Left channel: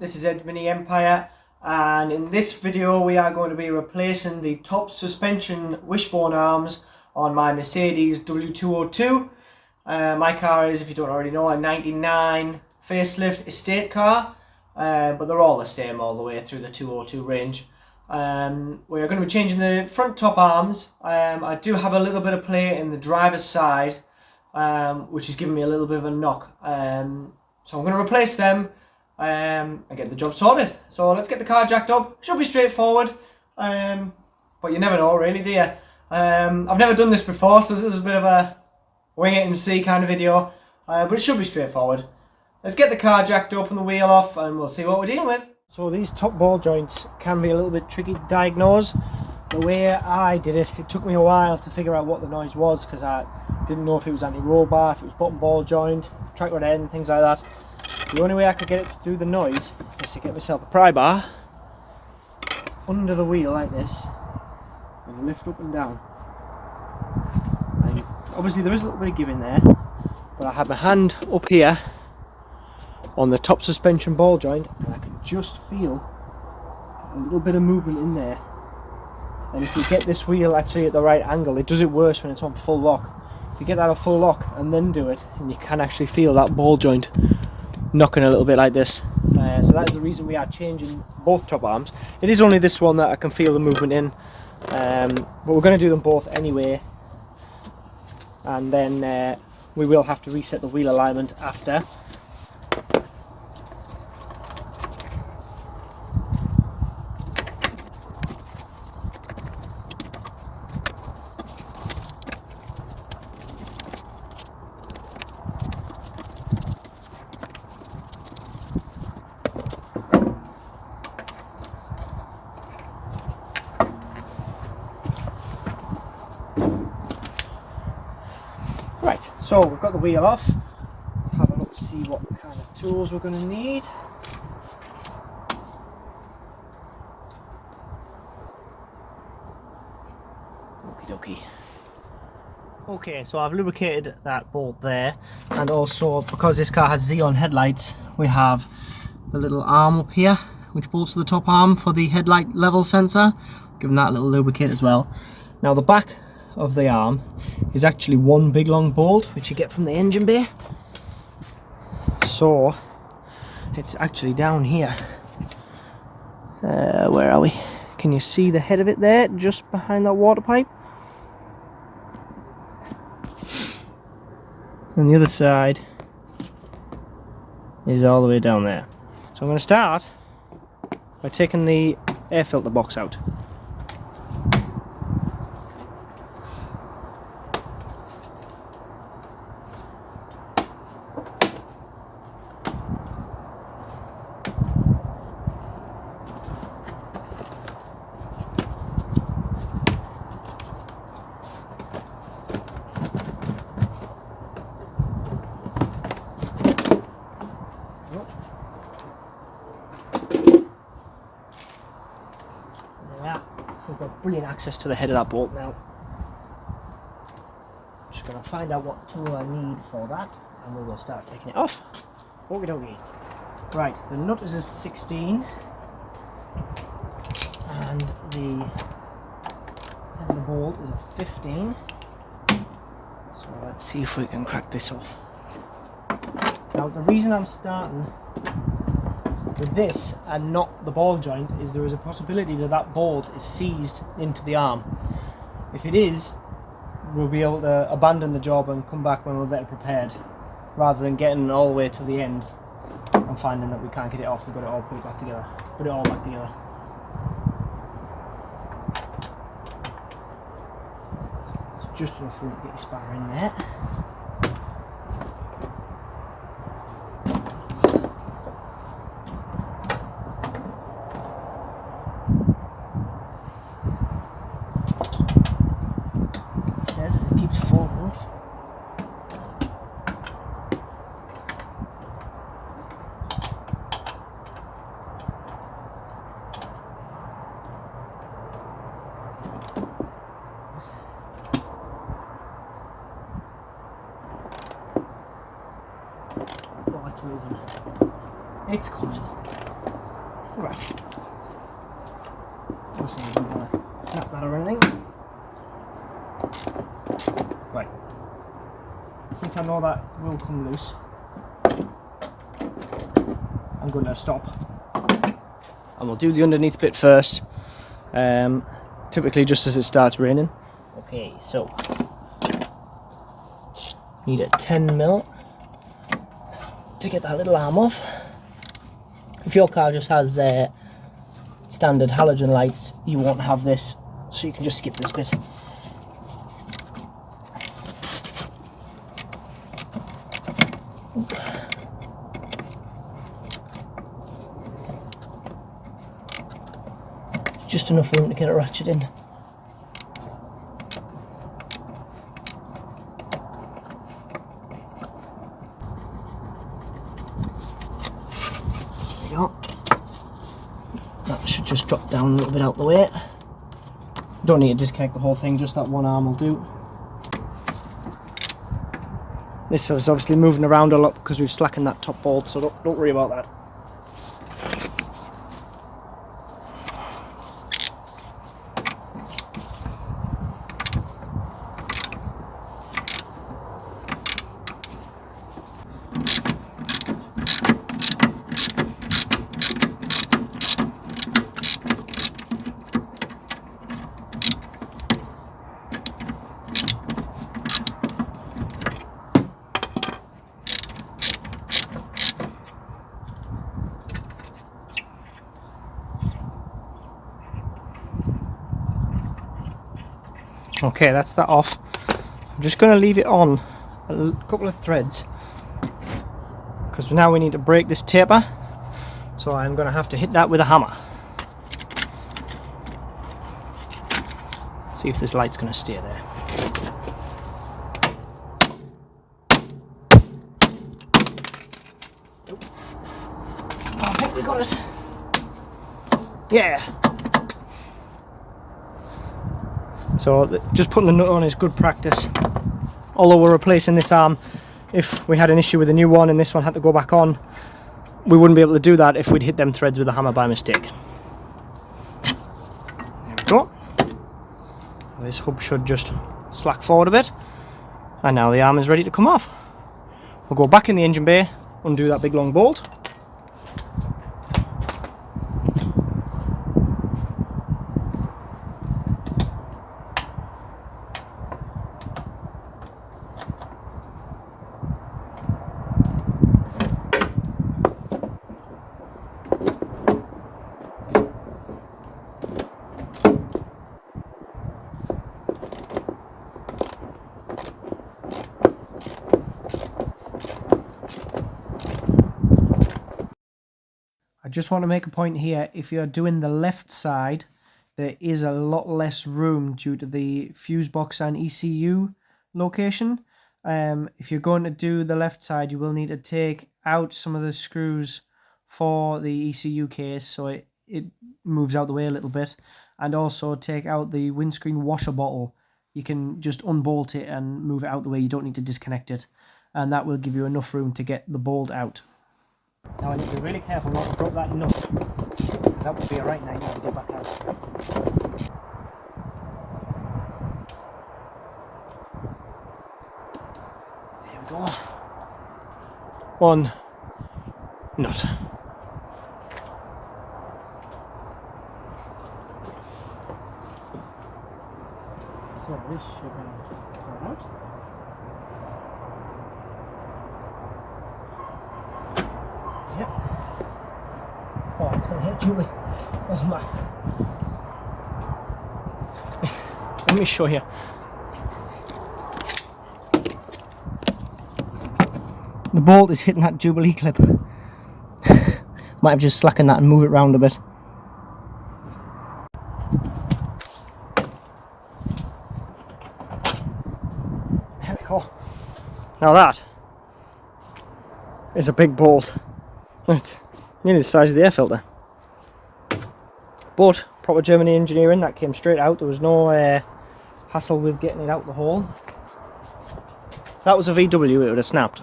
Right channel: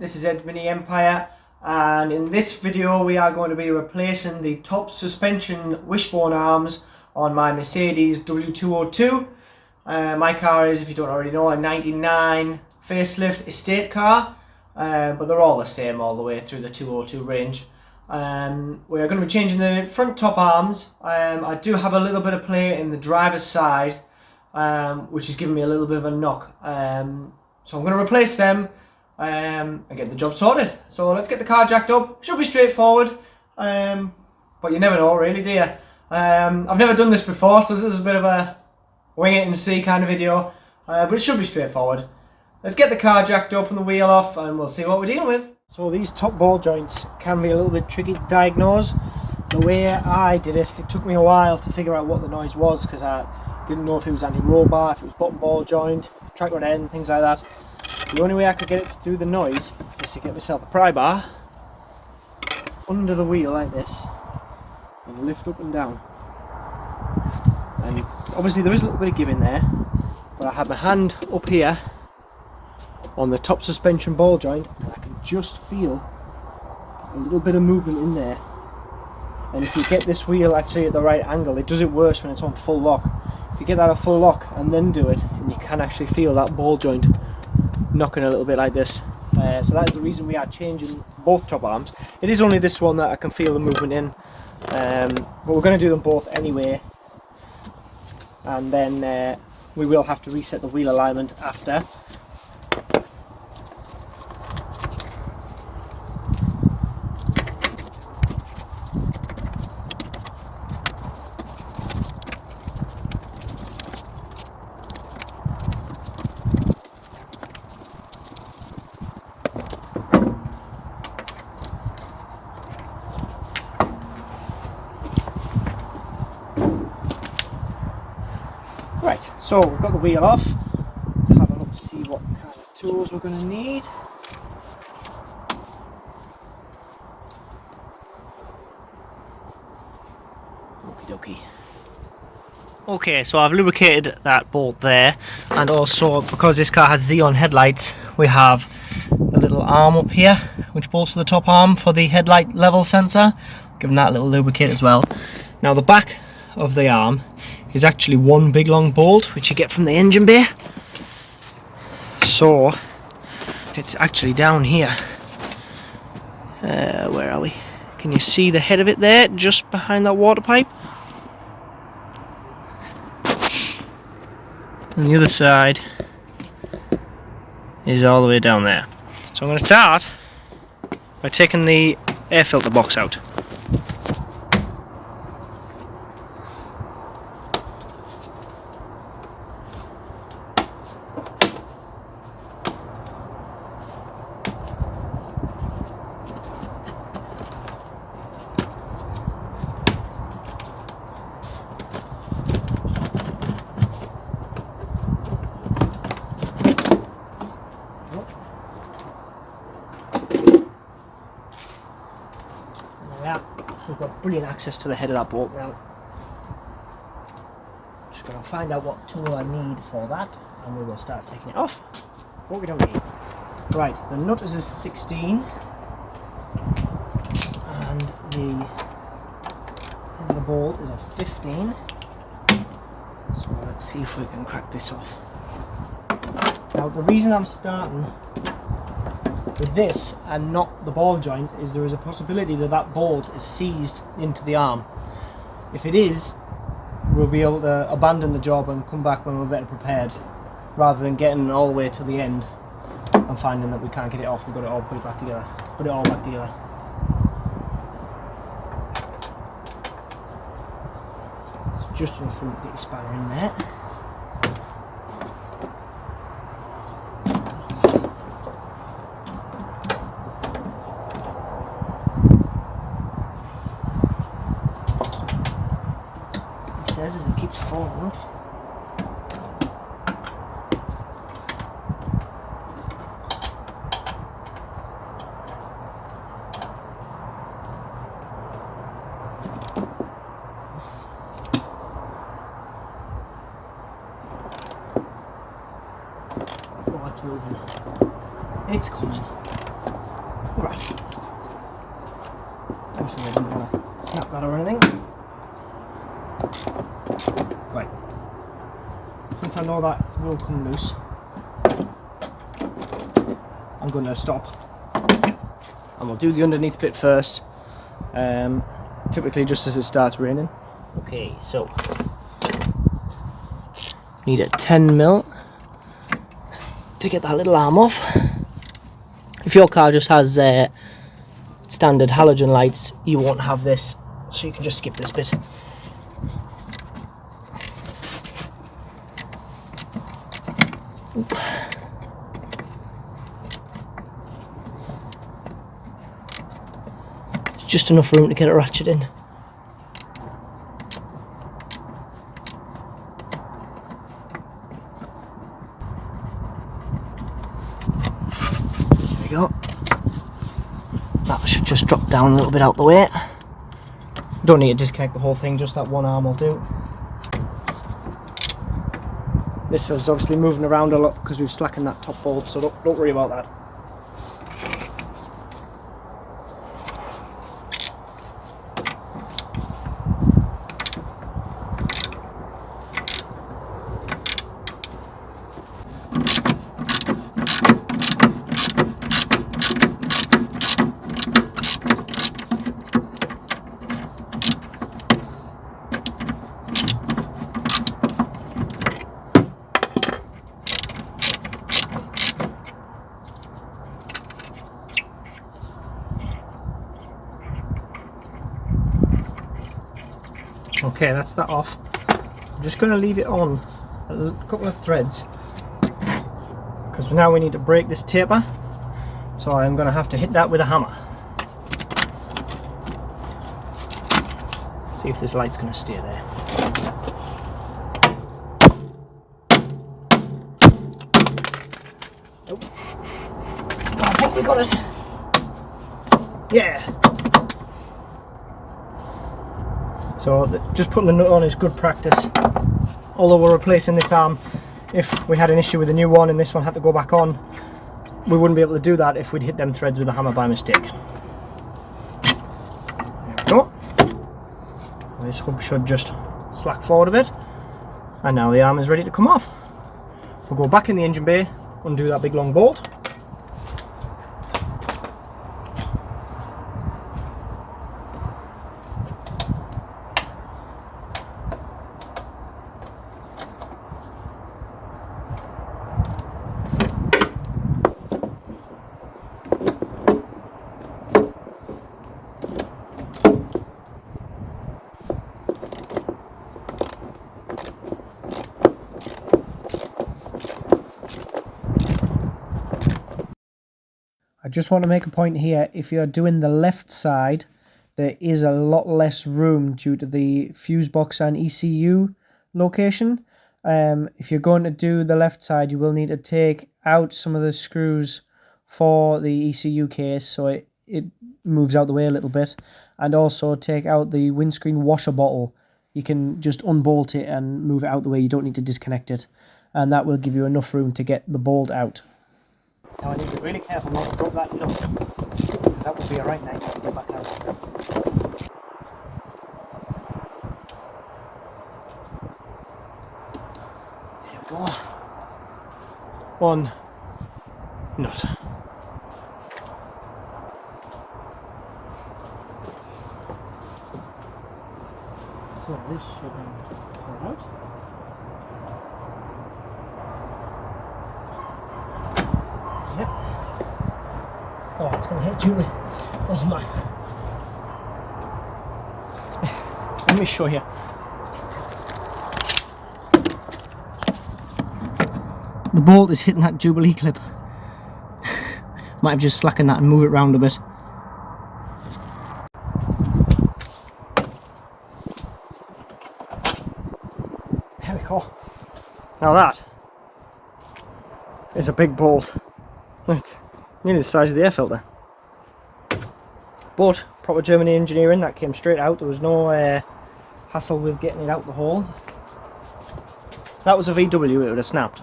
this is Ed's Mini Empire, and in this video we are going to be replacing the top suspension wishbone arms on my Mercedes W202. My car is, if you don't already know, a 99 facelift estate car, but they're all the same all the way through the 202 range. We are going to be changing the front top arms. I do have a little bit of play in the driver's side, which is giving me a little bit of a knock. So I'm going to replace them and get the job sorted. So let's get the car jacked up. Should be straightforward, but you never know really, do you? I've never done this before, so this is a bit of a wing it and see kind of video, but it should be straightforward. Let's get the car jacked up and the wheel off and we'll see what we're dealing with. So these top ball joints can be a little bit tricky to diagnose. The way I did it, it took me a while to figure out what the noise was, because I didn't know if it was anti-roll bar, if it was bottom ball joint, track rod end, things like that. The only way I could get it to do the noise is to get myself a pry bar under the wheel like this and lift up and down. And obviously there is a little bit of give in there, but I have my hand up here on the top suspension ball joint and I can just feel a little bit of movement in there. And if you get this wheel actually at the right angle, it does it worse when it's on full lock. If you get that at full lock and then do it, and you can actually feel that ball joint knocking a little bit like this. So that's the reason we are changing both top arms. It is only this one that I can feel the movement in, but we're going to do them both anyway, and then we will have to reset the wheel alignment after. Right, so we've got the wheel off. Let's have a look to see what kind of tools we're going to need. Okie dokie. Okay, so I've lubricated that bolt there, and also because this car has Xeon headlights, we have a little arm up here which bolts to the top arm for the headlight level sensor. Give that a little lubricate as well. Now the back of the arm is actually one big long bolt which you get from the engine bay, so it's actually down here. Where are we? Can you see the head of it there, just behind that water pipe? And the other side is all the way down there. So I'm going to start by taking the air filter box out. We've got brilliant access to the head of that bolt now. Just going to find out what tool I need for that, and we will start taking it off. What we don't need. Right, the nut is a 16, and the bolt is a 15. So let's see if we can crack this off. Now the reason I'm starting with this and not the ball joint is there is a possibility that that bolt is seized into the arm. If it is, we'll be able to abandon the job and come back when we're better prepared, rather than getting all the way to the end and finding that we can't get it off. We've got to all put it back together. Put it all back together. It's just enough room to get your spanner in there. As it keeps falling off. Oh, it's moving. It's coming. Right. Obviously I didn't want to snap that or anything. Right. Since I know that will come loose, I'm going to stop. And we'll do the underneath bit first. Typically just as it starts raining. Okay, so need a 10mm to get that little arm off. If your car just has standard halogen lights, you won't have this, so you can just skip this bit. It's just enough room to get a ratchet in. There we go. That should just drop down a little bit out the way. Don't need to disconnect the whole thing, just that one arm will do. This is obviously moving around a lot because we've slackened that top bolt, so don't worry about that. Okay, that's that off. I'm just going to leave it on a couple of threads because now we need to break this taper, so I'm going to have to hit that with a hammer. See if this light's going to stay there. Nope. Oh, I think we got it. Yeah. So just putting the nut on is good practice. Although we're replacing this arm, if we had an issue with the new one and this one had to go back on, we wouldn't be able to do that if we'd hit them threads with a hammer by mistake. There we go. This hub should just slack forward a bit, and now the arm is ready to come off. We'll go back in the engine bay, undo that big long bolt. I just want to make a point here, if you're doing the left side, there is a lot less room due to the fuse box and ECU location. If you're going to do the left side, you will need to take out some of the screws for the ECU case so it moves out the way a little bit, and also take out the windscreen washer bottle. You can just unbolt it and move it out the way, you don't need to disconnect it, and that will give you enough room to get the bolt out. Now I need to be really careful not to drop that nut, because that will be a right nightmare to get back out. There we go. One nut. So this should now pull out. Yep. Oh, it's going to hit Julie. Oh my. Let me show you. The bolt is hitting that Jubilee clip. Might have just slackened that and move it round a bit. There we go. Now that is a big bolt. It's nearly the size of the air filter. But proper German engineering, that came straight out. There was no hassle with getting it out the hole. If that was a VW, it would have snapped.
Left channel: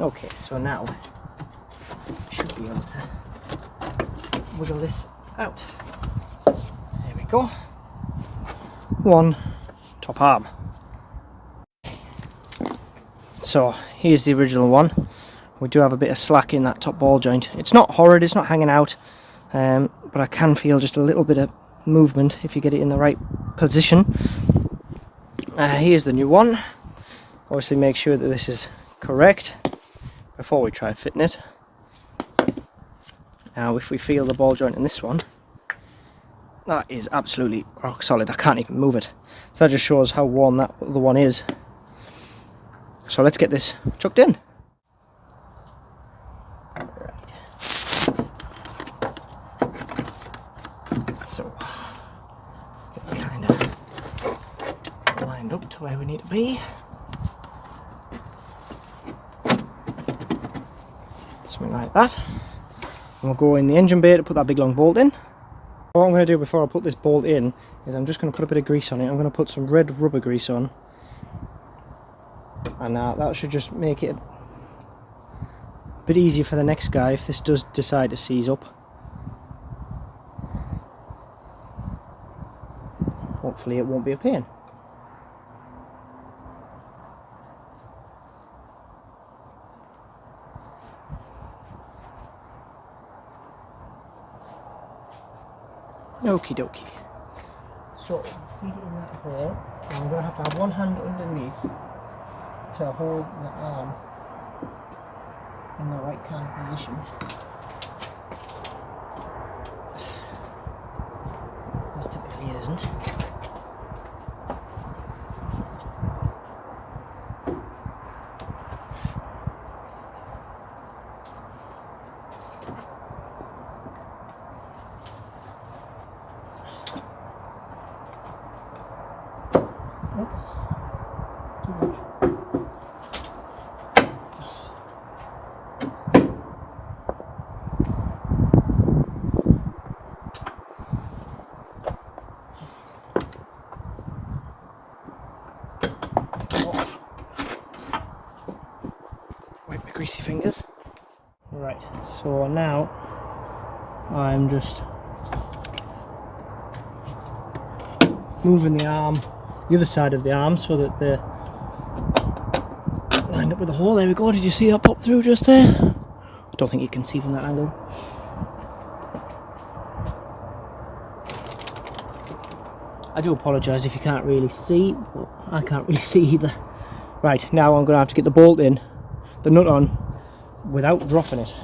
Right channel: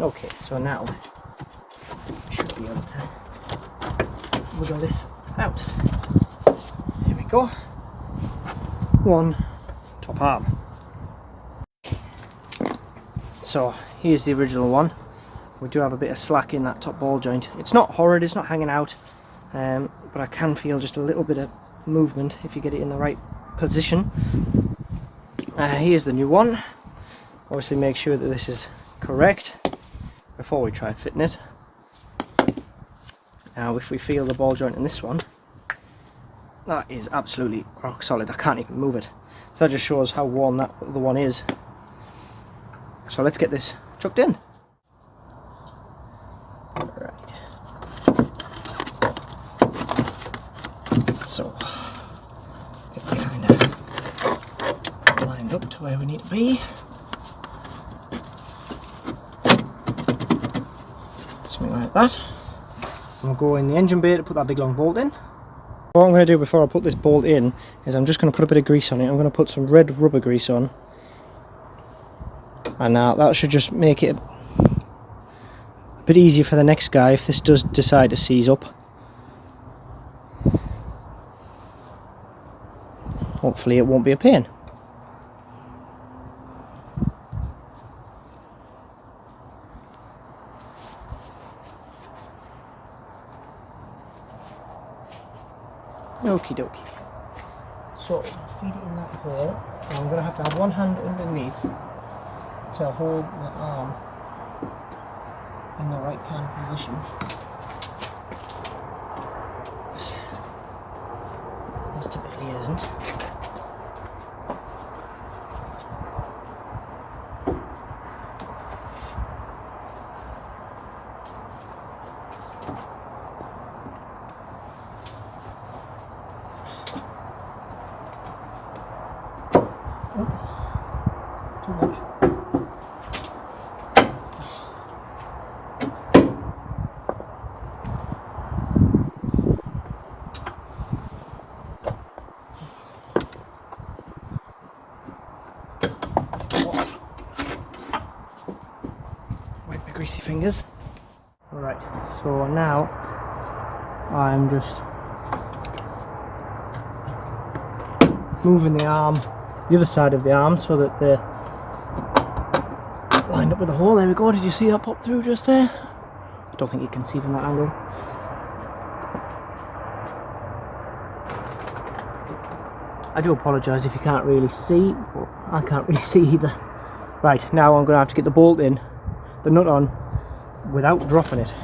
Okay, so now we should be able to wiggle this out. There we go. One top arm. So here's the original one. We do have a bit of slack in that top ball joint. It's not horrid, it's not hanging out, but I can feel just a little bit of movement if you get it in the right position. Here's the new one. Obviously make sure that this is correct before we try fitting it. Now if we feel the ball joint in this one, that is absolutely rock solid. I can't even move it. So that just shows how worn that other one is. So let's get this chucked in. Right. So get kind of lined up to where we need to be. Something like that. And we'll go in the engine bay to put that big long bolt in. What I'm going to do before I put this bolt in is I'm just going to put a bit of grease on it. I'm going to put some red rubber grease on. And now that should just make it a bit easier for the next guy if this does decide to seize up. Hopefully it won't be a pain. Okie dokie. So, feed it in that hole, and I'm going to have one hand underneath to hold the arm in the right kind of position. Because typically it isn't. Too much. Wipe my greasy fingers. Right, so now I'm just moving the arm, the other side of the arm, so that they're lined up with the hole. There we go. Did you see that pop through just there? I don't think you can see from that angle. I do apologise if you can't really see, but I can't really see either. Right, now I'm going to have to get the bolt in, the nut on, without dropping it.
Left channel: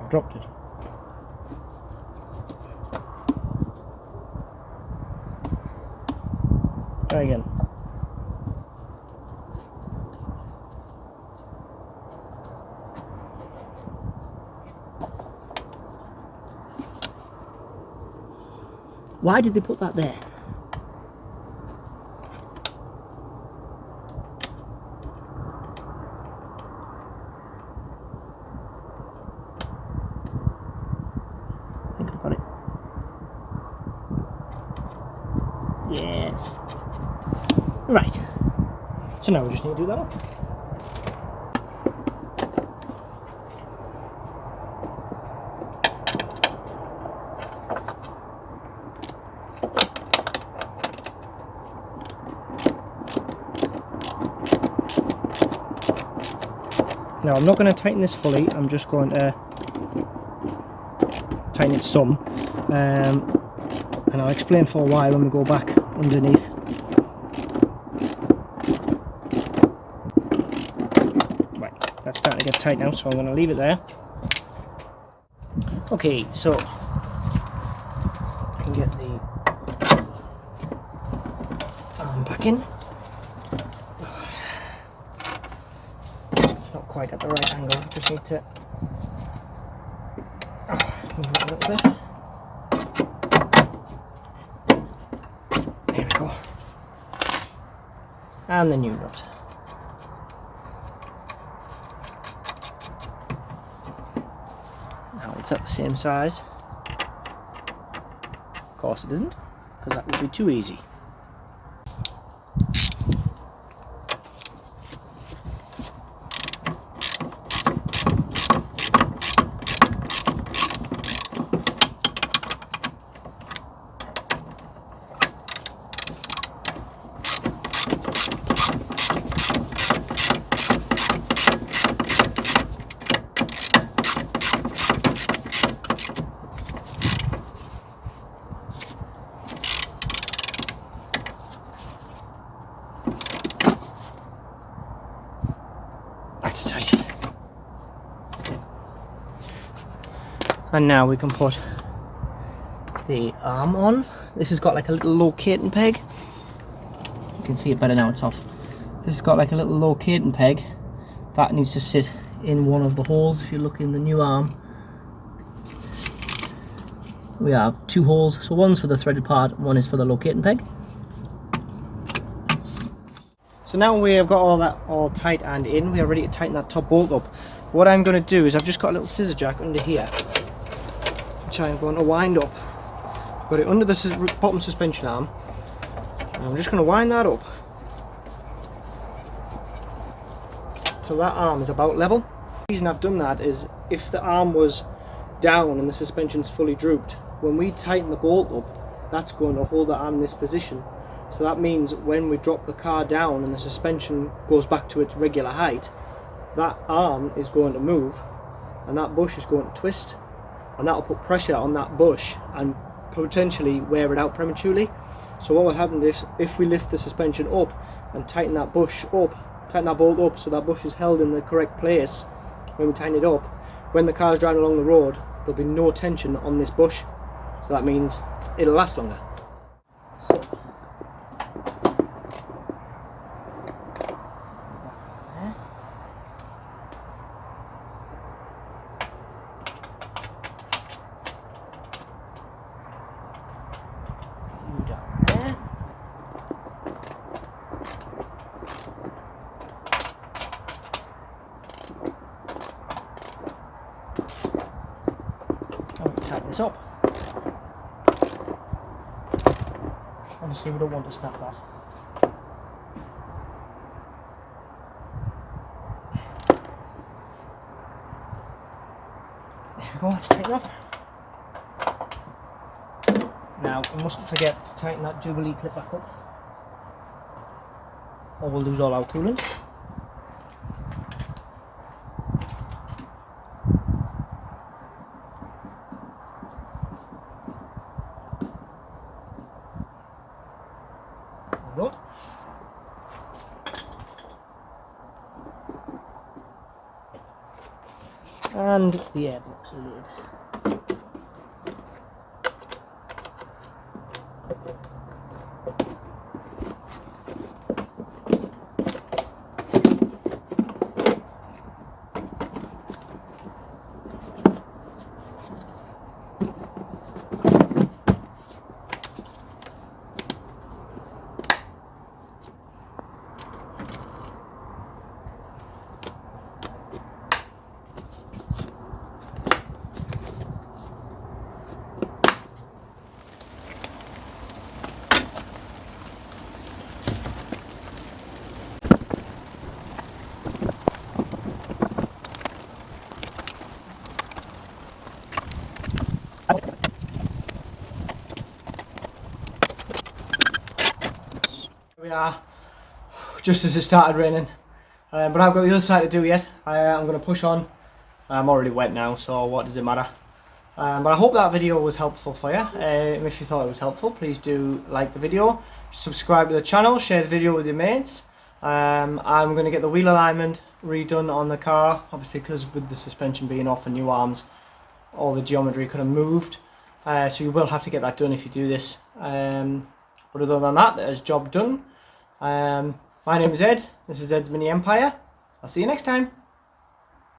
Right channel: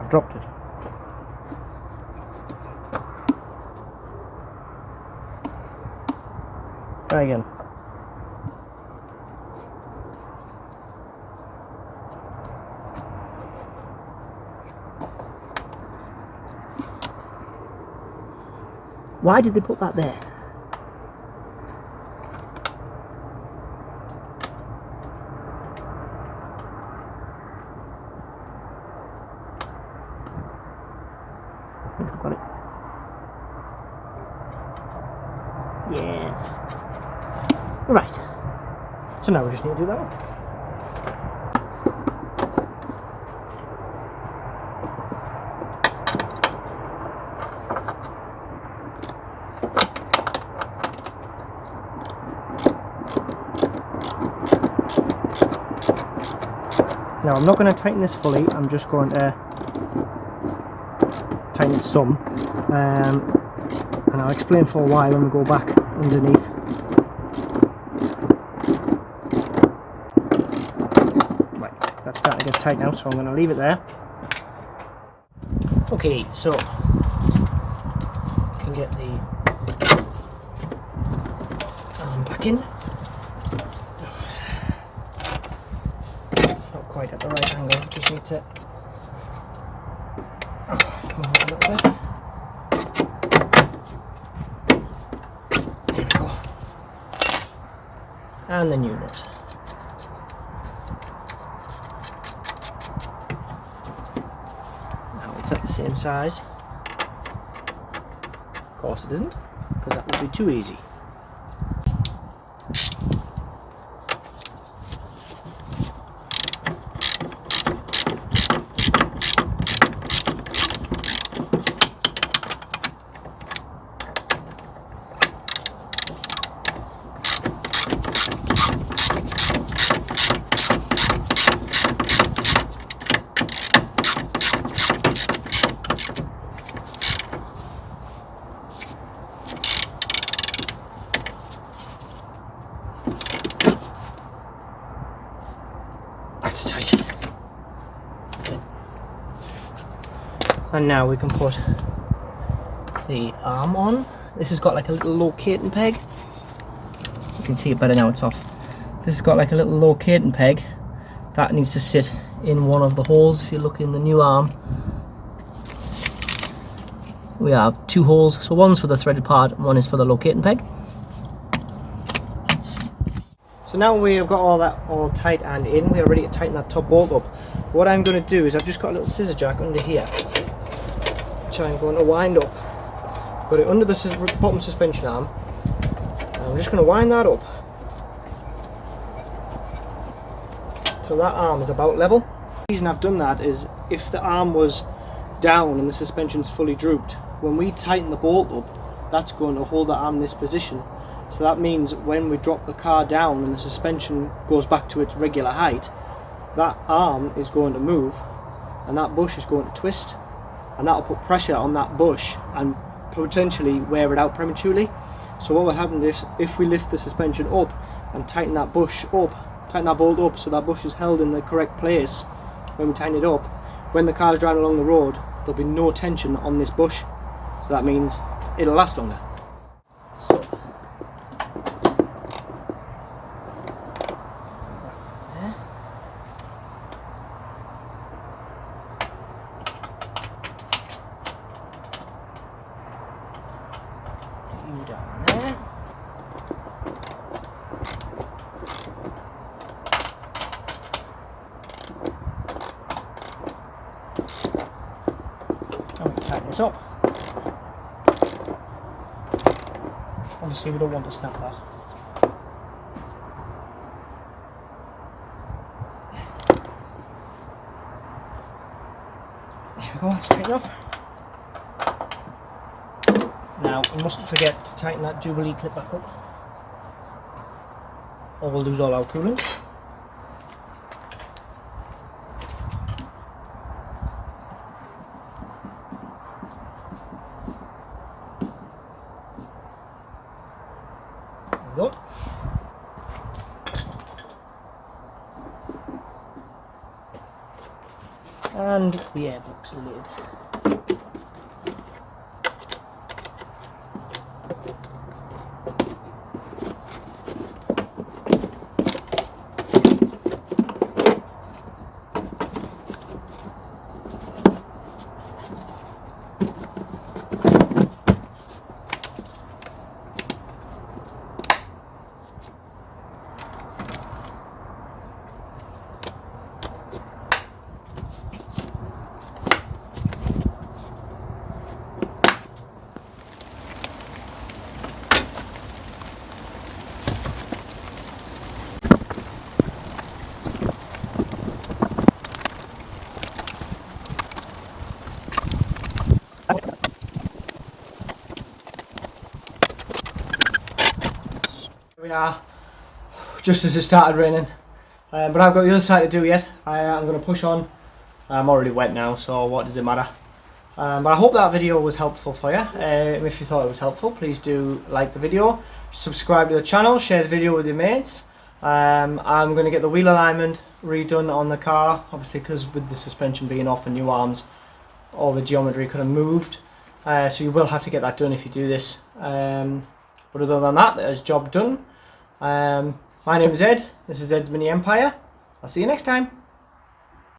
I've dropped it. Try again. Why did they put that there? I think I've got it. Yes. Right. So now we just need to do that one. Now I'm not going to tighten this fully, I'm just going to tighten it some, and I'll explain for a while when we go back underneath. Right, that's starting to get tight now, so I'm going to leave it there. Okay, so I can get the arm back in. Quite at the right angle, just need to move it a little bit. There we go. And the new nut. Now it's at the same size. Of course it isn't. because that would be too easy. That's tight. And now we can put the arm on. This has got like a little locating peg. You can see it better now, it's off. This has got like a little locating peg that needs to sit in one of the holes. If you look in the new arm, we have two holes, so one's for the threaded part and one is for the locating peg. So now we have got all that all tight and in, we are ready to tighten that top bolt up. What I'm going to do is I've just got a little scissor jack under here, which I'm going to wind up. Put it under the bottom suspension arm, and I'm just going to wind that up so that arm is about level. The reason I've done that is if the arm was down and the suspension's fully drooped, when we tighten the bolt up, that's going to hold the arm in this position. So that means when we drop the car down and the suspension goes back to its regular height, that arm is going to move and that bush is going to twist, and that will put pressure on that bush and potentially wear it out prematurely. So what will happen is if we lift the suspension up and tighten that bush up, tighten that bolt up so that bush is held in the correct place, when we tighten it up, when the car is driving along the road, there'll be no tension on this bush. So that means it'll last longer. Down there. And we'll tighten this up. Obviously we don't want to snap that. There we go, let's take it off. Now, we mustn't forget to tighten that Jubilee clip back up, or we'll lose all our coolant. There we go. And the airbox lid. We are just as it started raining, but I've got the other side to do yet. I'm going to push on. I'm already wet now, so what does it matter? But I hope that video was helpful for you. If you thought it was helpful, please do like the video, subscribe to the channel, share the video with your mates. I'm going to get the wheel alignment redone on the car, obviously because with the suspension being off and new arms, all the geometry could have moved. So you will have to get that done if you do this. But other than that, there's job done. My name is Ed. This is Ed's Mini Empire. I'll see you next time.